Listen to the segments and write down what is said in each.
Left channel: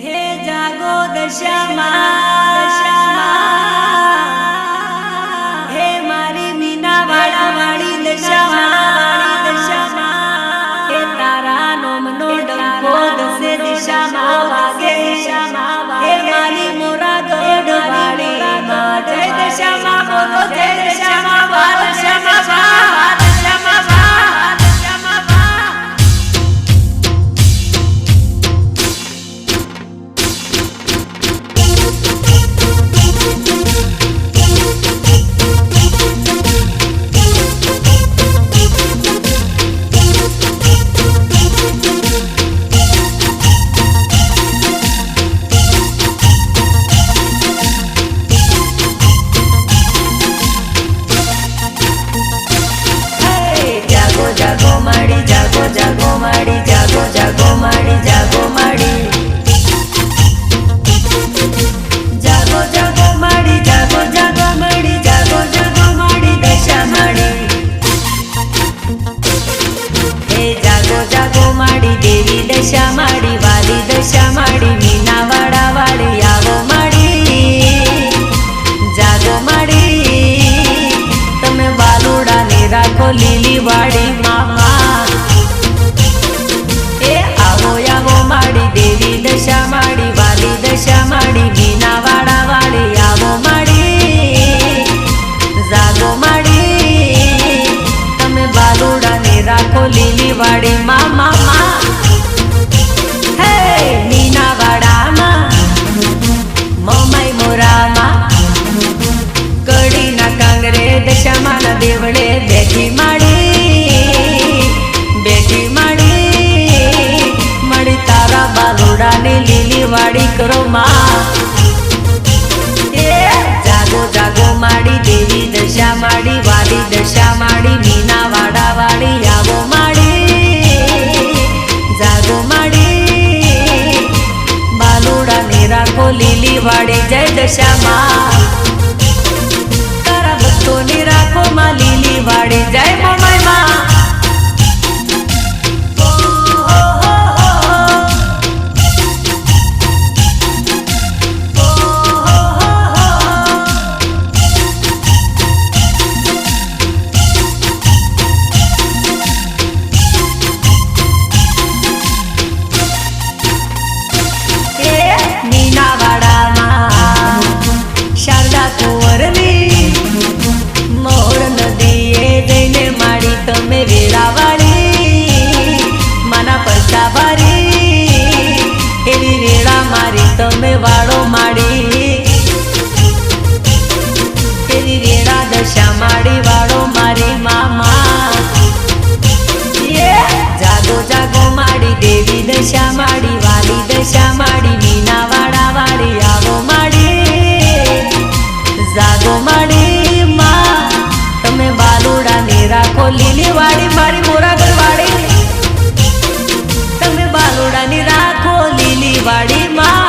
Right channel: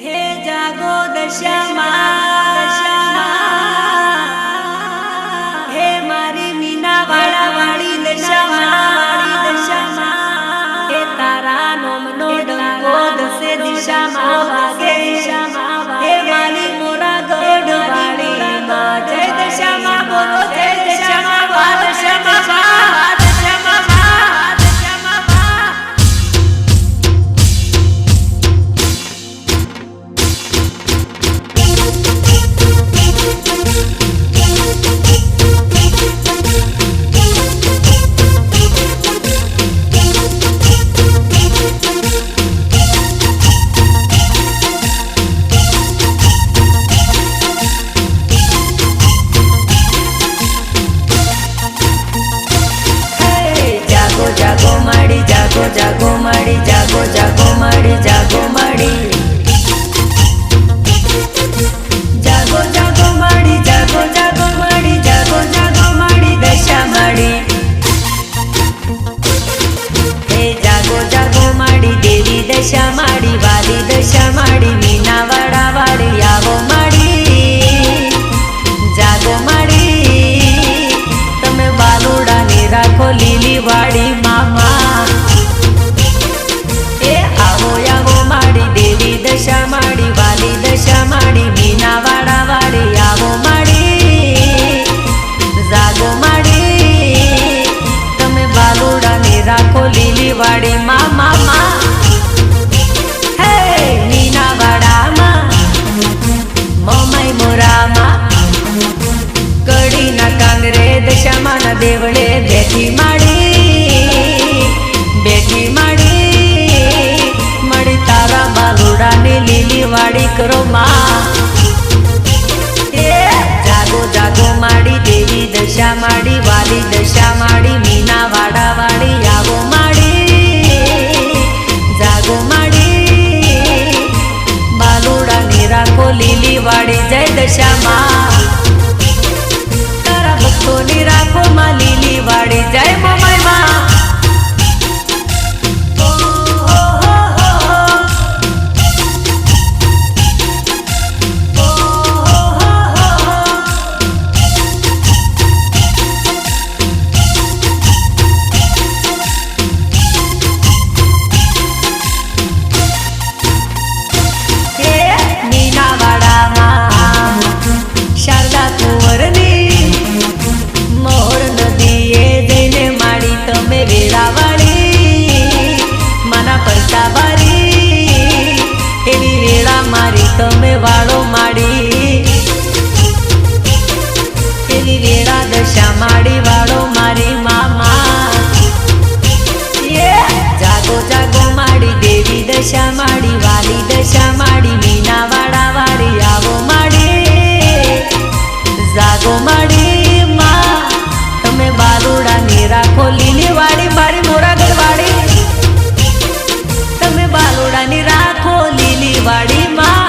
हे जागो दशामा हे मारी मीना वाड़ा वाड़ी दशामा हे तारा नोमनो डंको दसे दिशामा वागे हे मारी मोरा गढ़ वाड़ी माँ जय दशामा बोलो जय दशामा वा दशामा वा दशामा वा दशामा वा। जागो माड़ी जागो जागो माड़ी जागो जागो माड़ी जागो माड़ी जागो जागो माड़ी जागो जागो माड़ी जागो जागो माड़ी दशा माड़ी हे जागो जागो माड़ी देवी दशा माड़ी वाली दशा माड़ी मीना वाड़ा वाड़ी आवो माड़ी जागो माड़ी तमे बालुड़ा ने राखो लीली वाड़ी मामा ए आवो आवो माड़ी देवी दशा माड़ी वाली दशा माड़ी मीना वाड़ा वाड़ी आवो माड़ी जागो माड़ी तमे बालुड़ा ने राखो लीली वाड़ी मामा माँ हे मीना वाड़ा माँ मोमाई मोरा माँ कड़ी ना कांगरे दशामा ना देवड़े बैठी माड़ी मड़ी तारा बालुड़ा ने लीली वाड़ी करो माँ जागो जागो माड़ी देवी दशा माड़ी वाली दशा माड़ी मीना वाड़ा वाड़ी आवो माड़ी जागो माड़ी बालुड़ा ने राखो लीली वाड़ी जय दशा माँ भक्तों ने राखो माँ लीली वाड़ी जय मोमाई माँ। मीना वाड़ा माँ शारदा कुंवरनी मोर नदीए जईने माड़ी तमे वेळावाड़ी माना परसा बारी एवी वेळा मारी तमे वाड़ो माड़ी एवी वेळा दशा माड़ी वाड़ो मारी मामा जागो जागो माड़ी देवी दशा माड़ी वाली दशा माड़ी मीना वाड़ा वाड़ी आवो माड़ी जागो माड़ी माँ तमे बालुड़ा ने राखो लीली वाड़ी मारी मोरागढ़ वाड़ी तमे बालुड़ा ने राखो लीली वाड़ी माँ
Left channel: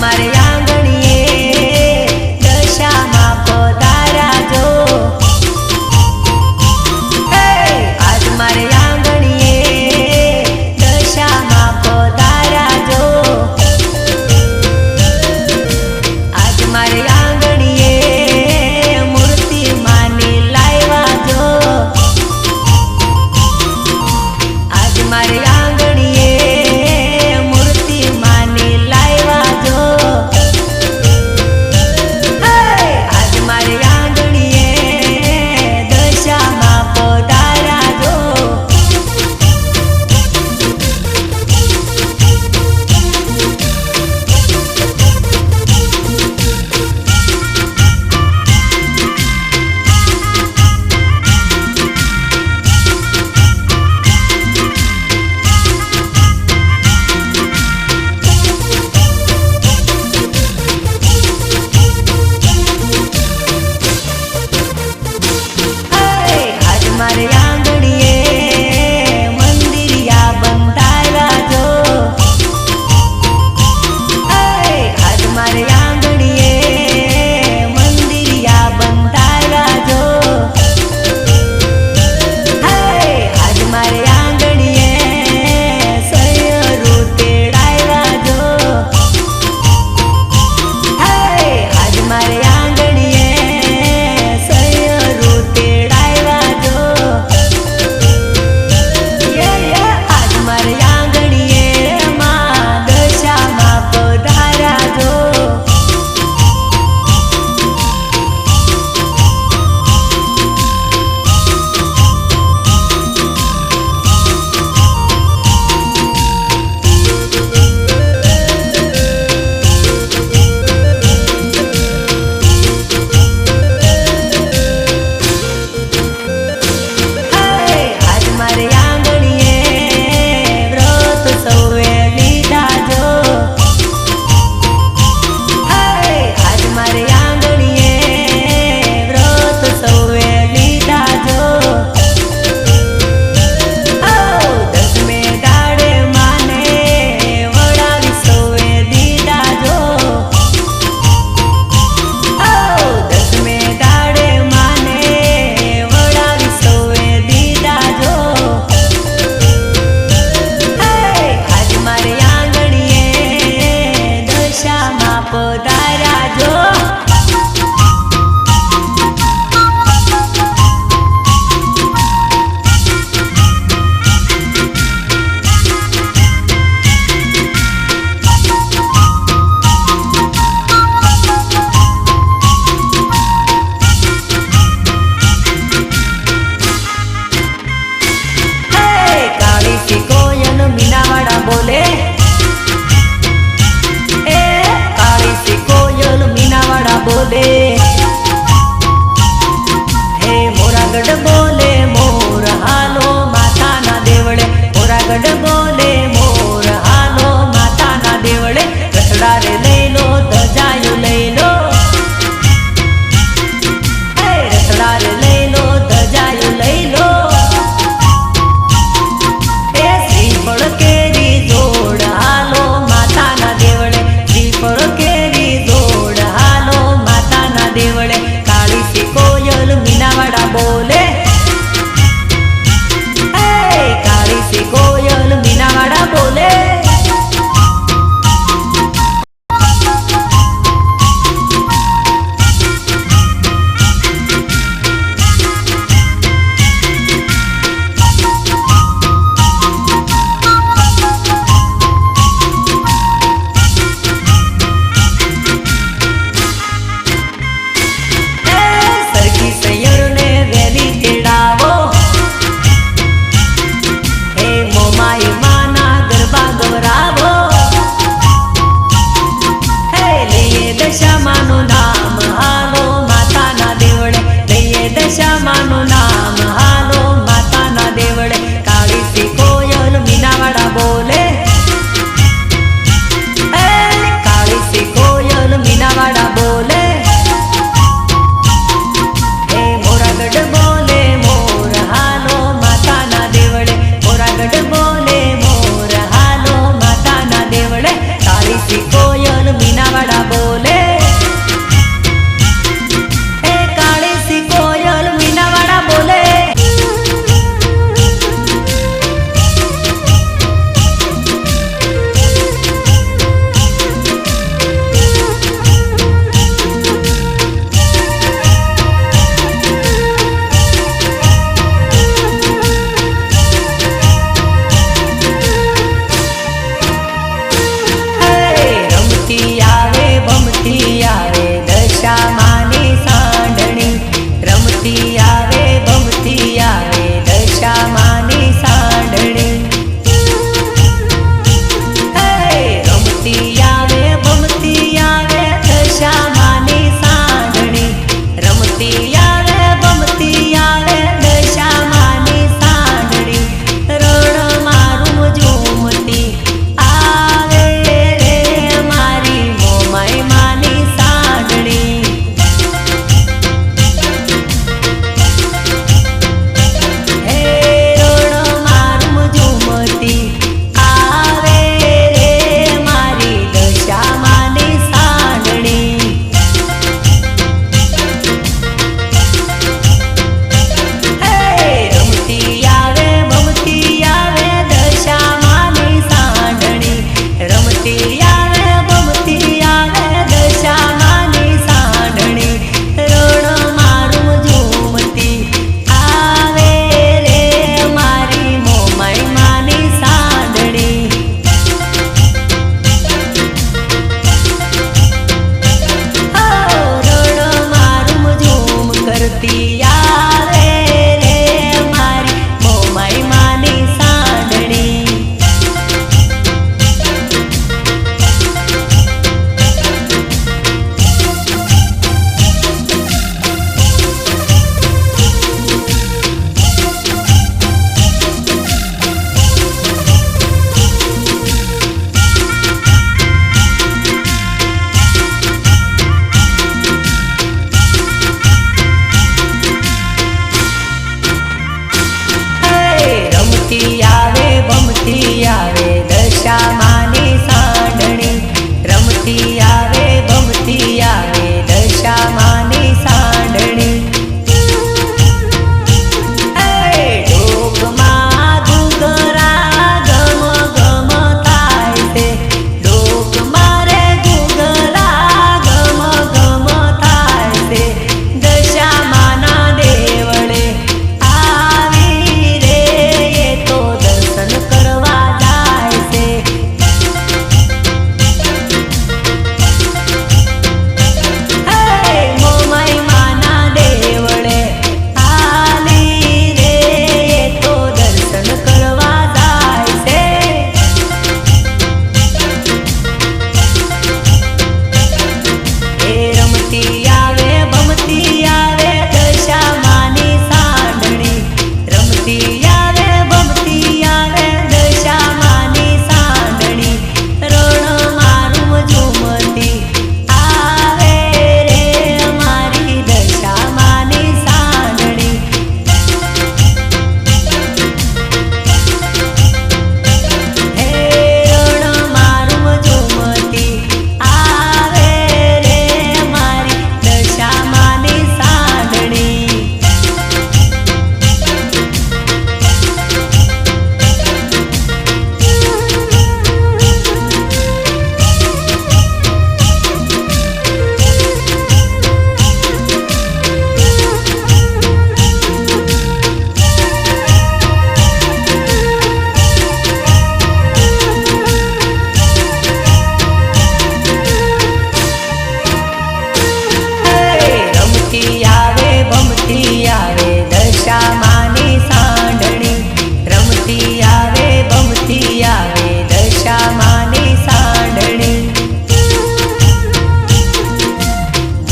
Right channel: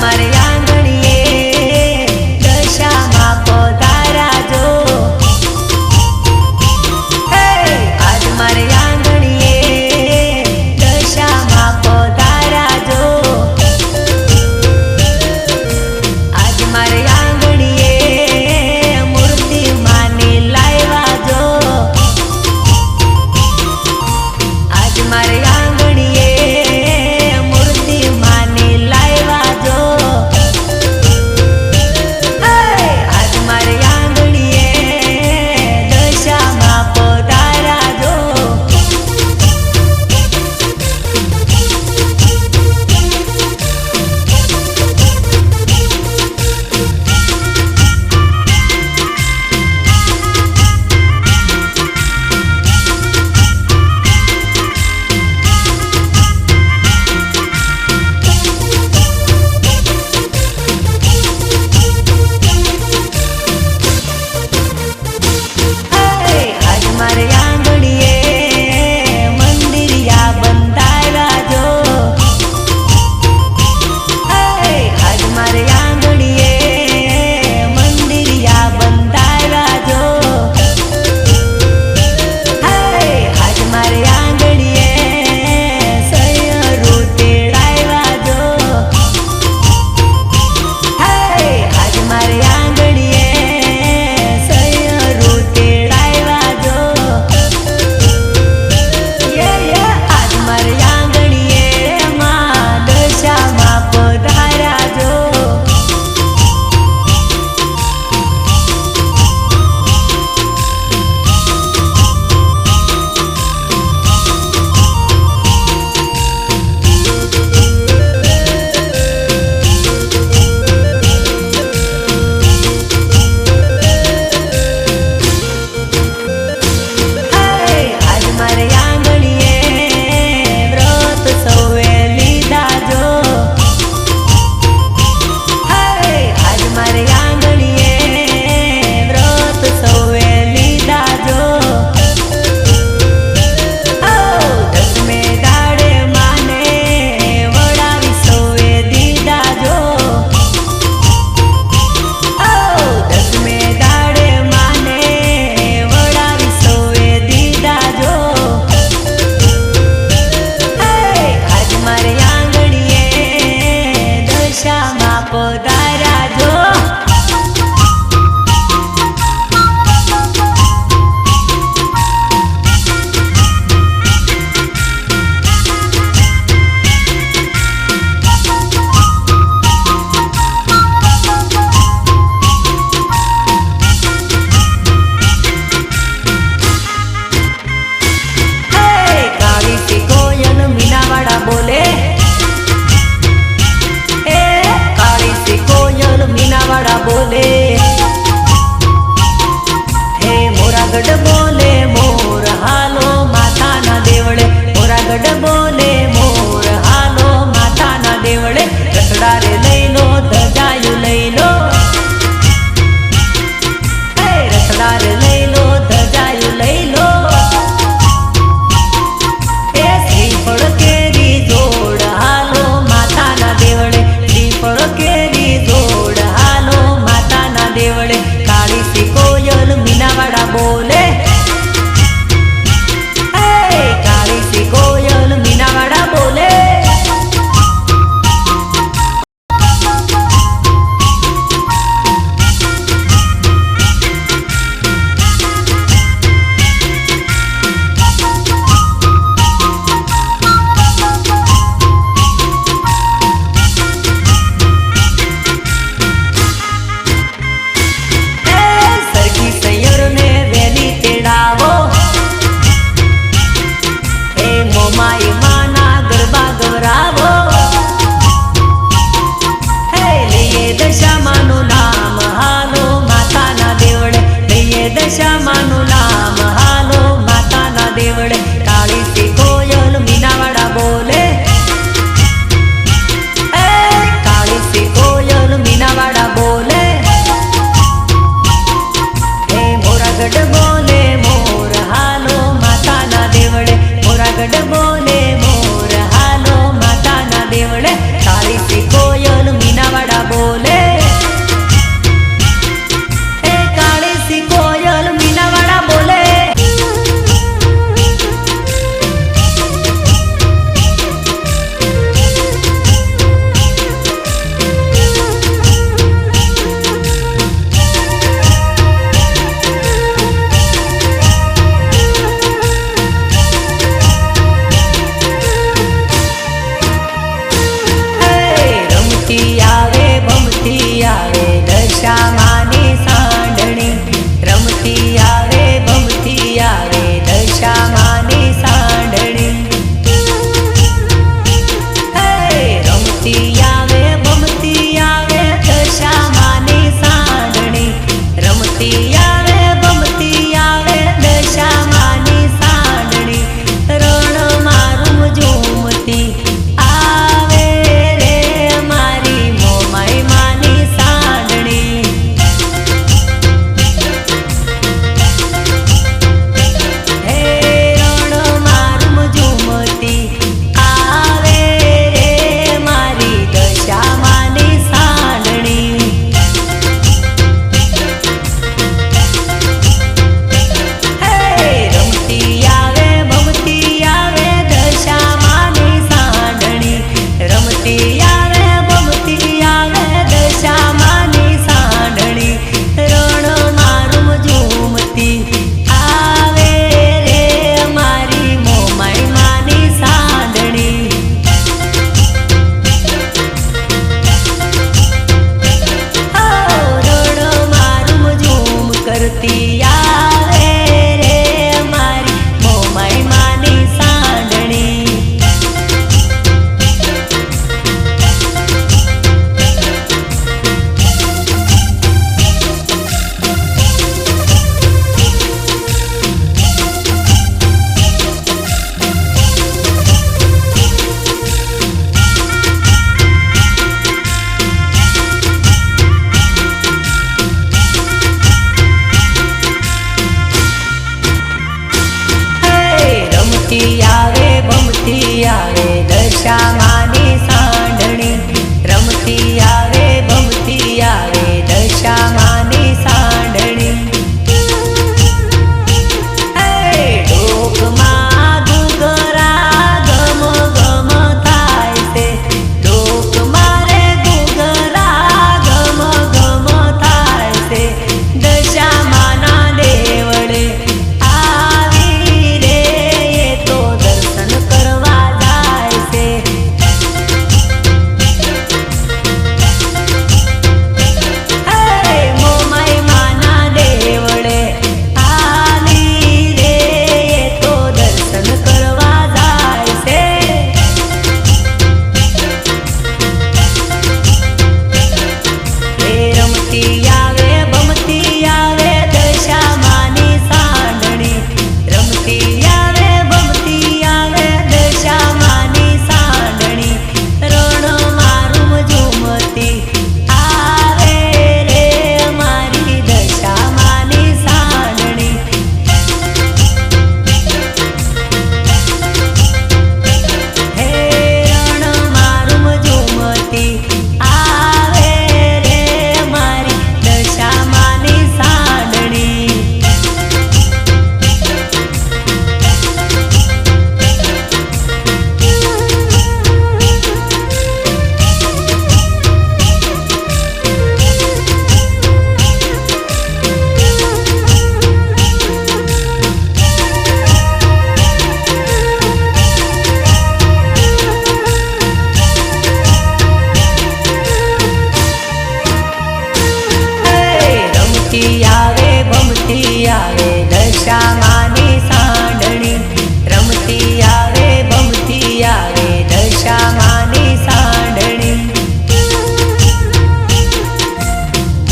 मारे आंगणिए दशा माँ पधारा जो हे મારે આંગણીએ મંદિરિયા બંધાવ્યા જો આજ મારે આંગણીએ મંદિરિયા બંધાવ્યા જો આજ મારે આંગણીએ સૈયરું તેડાવ્યા જો આજ મારે આંગણીએ સૈયરું તેડાવ્યા જો આજ મારે આંગણીએ માં દશામાં પધાર્યા જો મારે આંગણીએ વ્રત સૌએ લીધા જો આજ મારે આંગણીએ વ્રત સૌએ લીધા જો દસમે દાડે માને વડાવી સૌએ દીધા જો દસમે દાડે માને વડાવી સૌએ દીધા જો મારે આંગણીએ દશામાં પધાર્યા જો કાળી સી કોયલ મીનાવાડા બોલે કાળી સી કોયલ મીનાવાડા બોલે હે મોરાગઢ બોલે મોર હાલો માતાના દેવળે મોરાગઢ બોલે મોર હાલો માતાના દેવળે રસડા રે લઈ લો ધજાયું લઈ લો રસડા રે લઈ લો ધજાયું લઈ લો શ્રીફળ કેરી જોડ હાલો માતાના દેવળે શ્રીફળ કેરી જોડ હાલો માતાના દેવળે કાળી સી કોયલ મીનાવાડા બોલે કાળી સી કોયલ મીનાવાડા બોલે સૈયરને વેલી તેડાવો હે મોમાઈ માના ગરબા ગવરાવો હે લઈએ દશામાનું નામ હાલો માતાના દેવળે લઈએ દશામાનું નામ હાલો માતાના દેવળે કાળી સી કોયલ મીનાવાડા બોલે કાળી સી કોયલ મીનાવાડા બોલે મોરાગઢ બોલે મોર હાલો માતાના દેવળે મોરાગઢ બોલે મોર હાલો માતાના દેવળે કાળી સી કોયલ મીનાવાડા બોલે કાળી સી કોયલ મીનાવાડા બોલે આવે ભમતી રમતી આવે દશામાની સાંઢણી, રમતી આવે દશામાની સાંઢણી. ડોકમાં ઘૂઘરા ગમ ગમ થાય છે, ડોકમાં રે ઘૂઘરા ગમ ગમ થાય છે. દશામાના દેવળે આવી રે એ તો દર્શન કરવા જાય છે. મોમાઈ માના દેવળે આલી રે એ તો દર્શન કરવા જાય છે. એ રમતી આવે દશામાની સાંઢણી, રમતી આવે દશામાની સાંઢણી. રણ મારું ઝુમતી આવે રે મારી દશામાની સાંઢણી. હે રણ મારું ઝુમતી આવે રે મારી દશામાની સાંઢણી. રમતી આવે દશામાની સાંઢણી, રમતી આવે દશામાની સાંઢણી.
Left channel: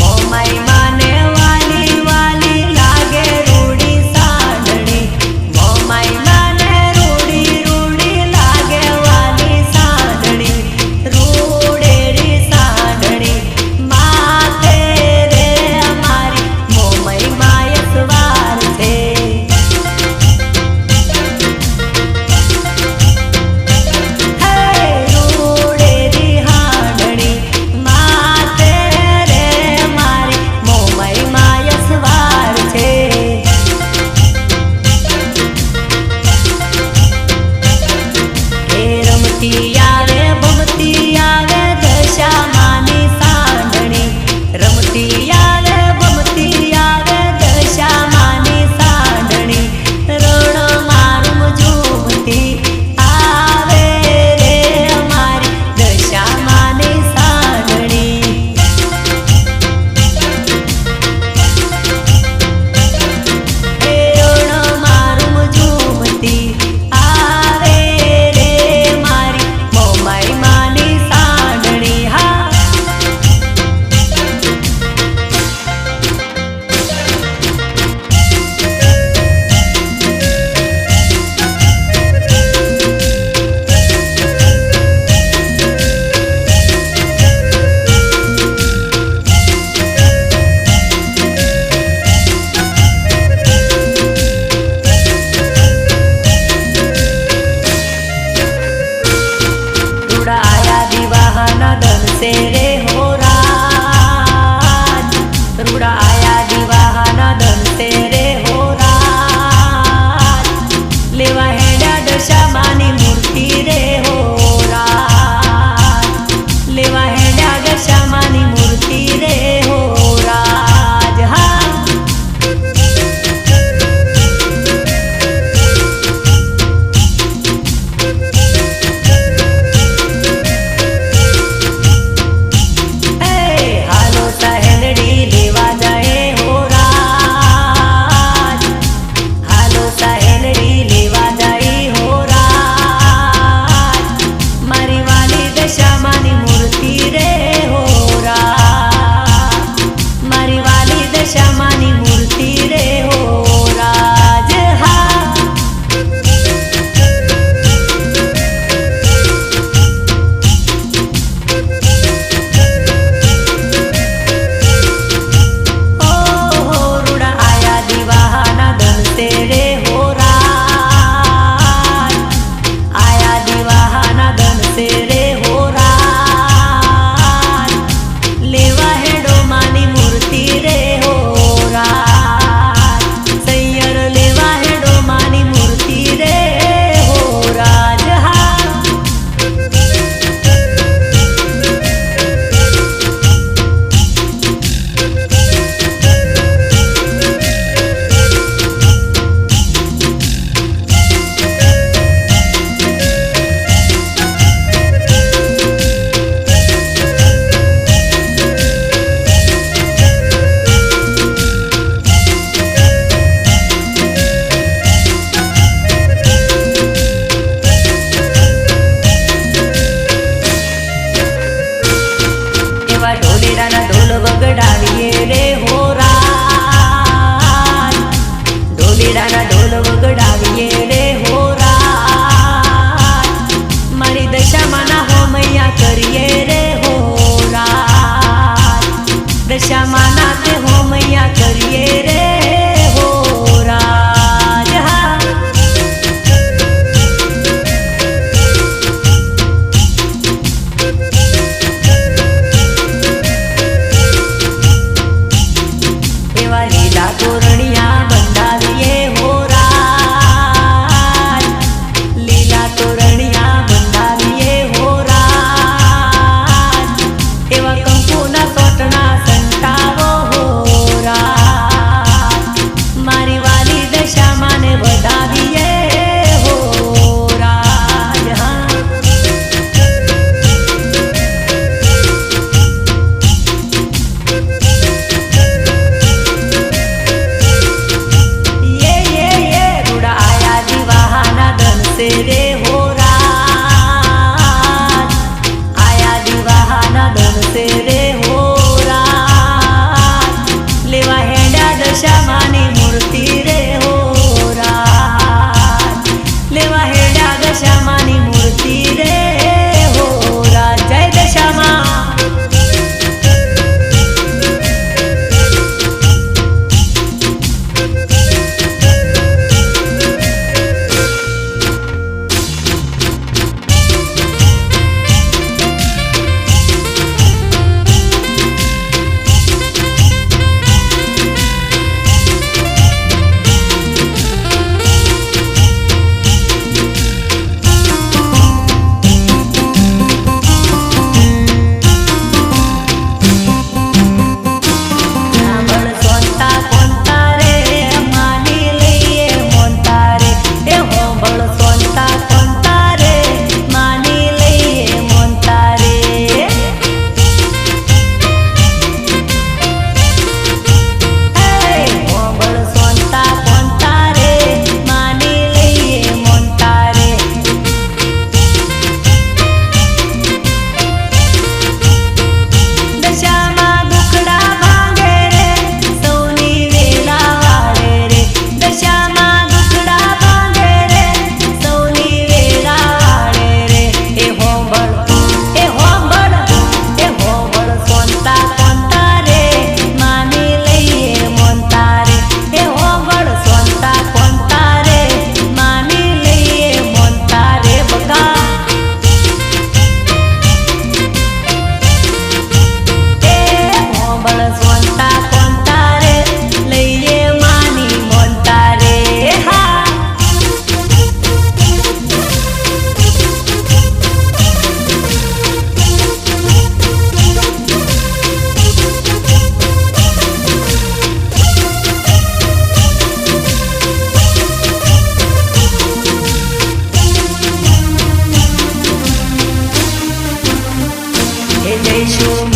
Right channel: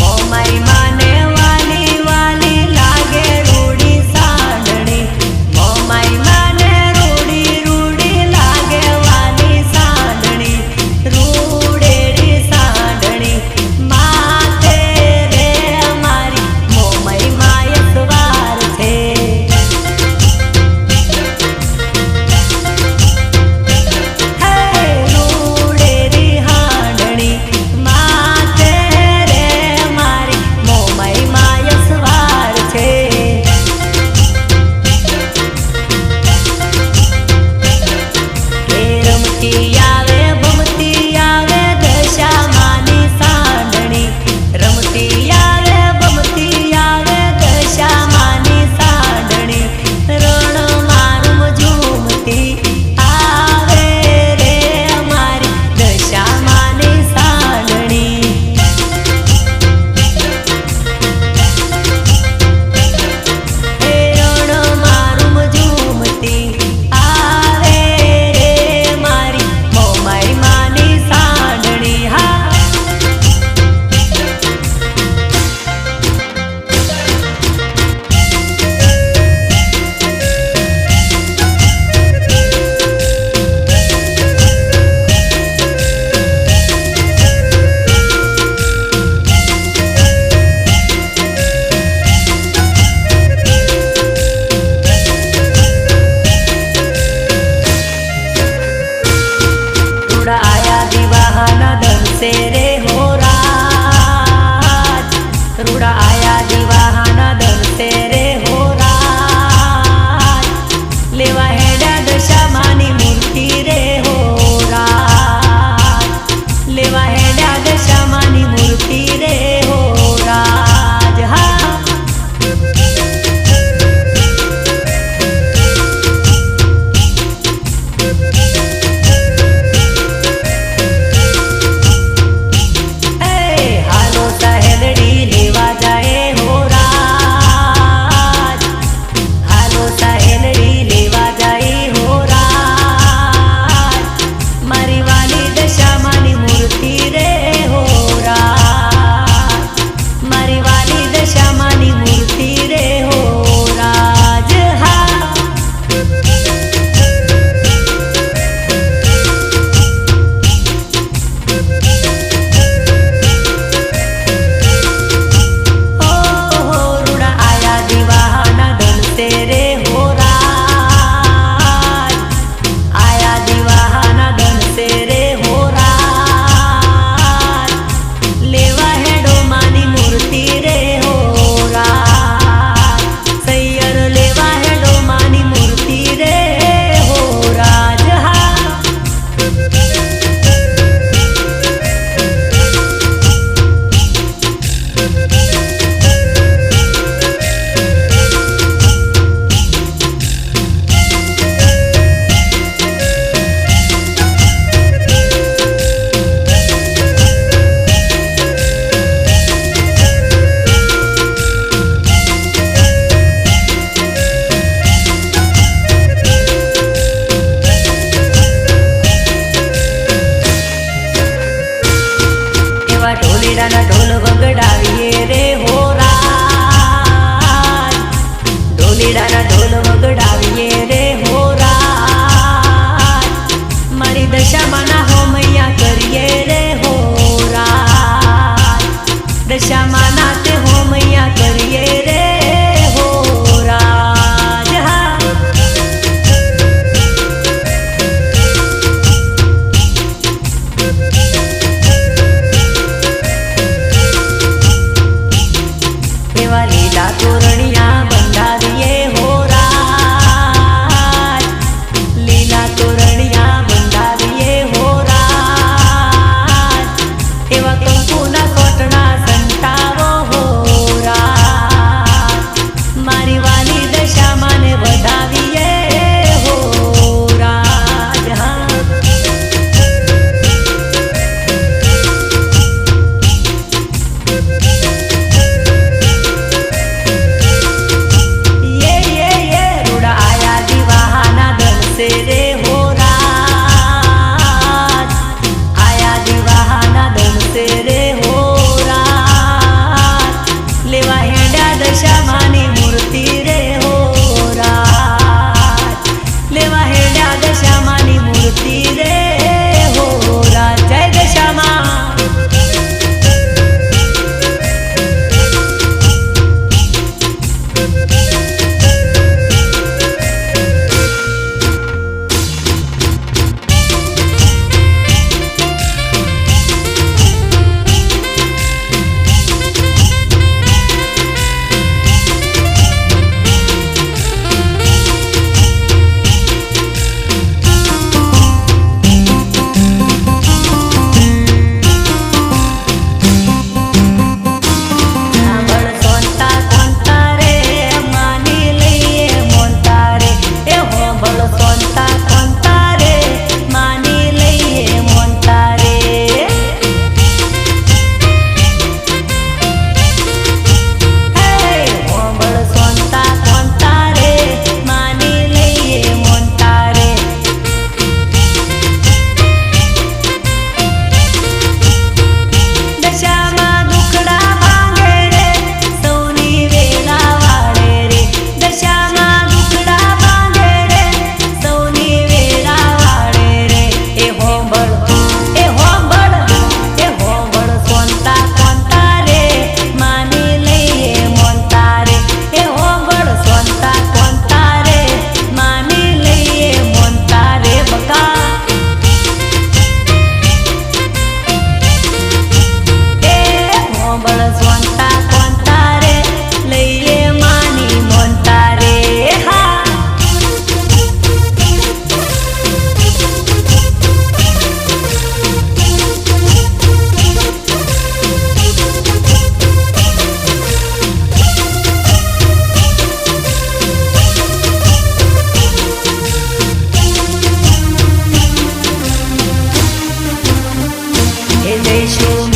મોમાઈ માને વાલી વાલી લાગે રૂડી સાંઢણી, મોમાઈ માને રૂડી રૂડી લાગે વાલી સાંઢણી. રૂડેરી સાંઢણી માથે રે મારી મોમાઈ માય સવાર છે. રૂડેરી હાંડણી માથે રે મારી મોમાઈ માય સવાર છે. રમતી આવે દશામાની સાંઢણી, રમતી આવે દશામાની સાંઢણી. રણ મારું ઝૂમતી આવે રે મારી દશામાની સાંઢણી. રણ મારું ઝૂમતી આવે રે મારી મોમાઈ માની સાંઢણી. હા आया दीवाना धन से रे हो राज, रूड़ा आया दीवाना धन से रे हो राज. लेवा हेड़ा दशामानी मूर्ति रे हो राज, लेवा हेड़ा दशामानी मूर्ति रे हो राज. हाँ सहेलड़ी लेवा जाए हो राज, हालो सहेलड़ी लेवा जाए हो राज. मारी वाली दशामानी मूर्ति रे हो राज, मारी वाली दशामानी मूर्ति रे हो राज. हाँ तेरे हो राज, ઢોલીડાના ઢોલ વગડાવીએ રે હો રાજ, ઢોલીડાના ઢોલ વગડાવીએ રે હો રાજ, મારી દશામાના હોમૈયા કરીએ રે હો રાજ, દશામાના તે હોમૈયા કરીએ રે હો રાજ. હા એવા લીલા તોરણિયા બંધાવીએ હો રાજ, લીલા તોરણિયા બંધાવીએ હો રાજ, એવા કંકુના સોટણા સંતાવો હો રાજ, મારી વાલી દશામાને વધાવીએ હો રાજ. હા से रे हो राज, आया दिवाहाना दन से रे हो राज, लेवा हेंड्या दशामानी मूर्ति रे हो राज, लेवा हेंड्या दशामानी मूर्ति रे हो राज. जय दशामा. જઈશું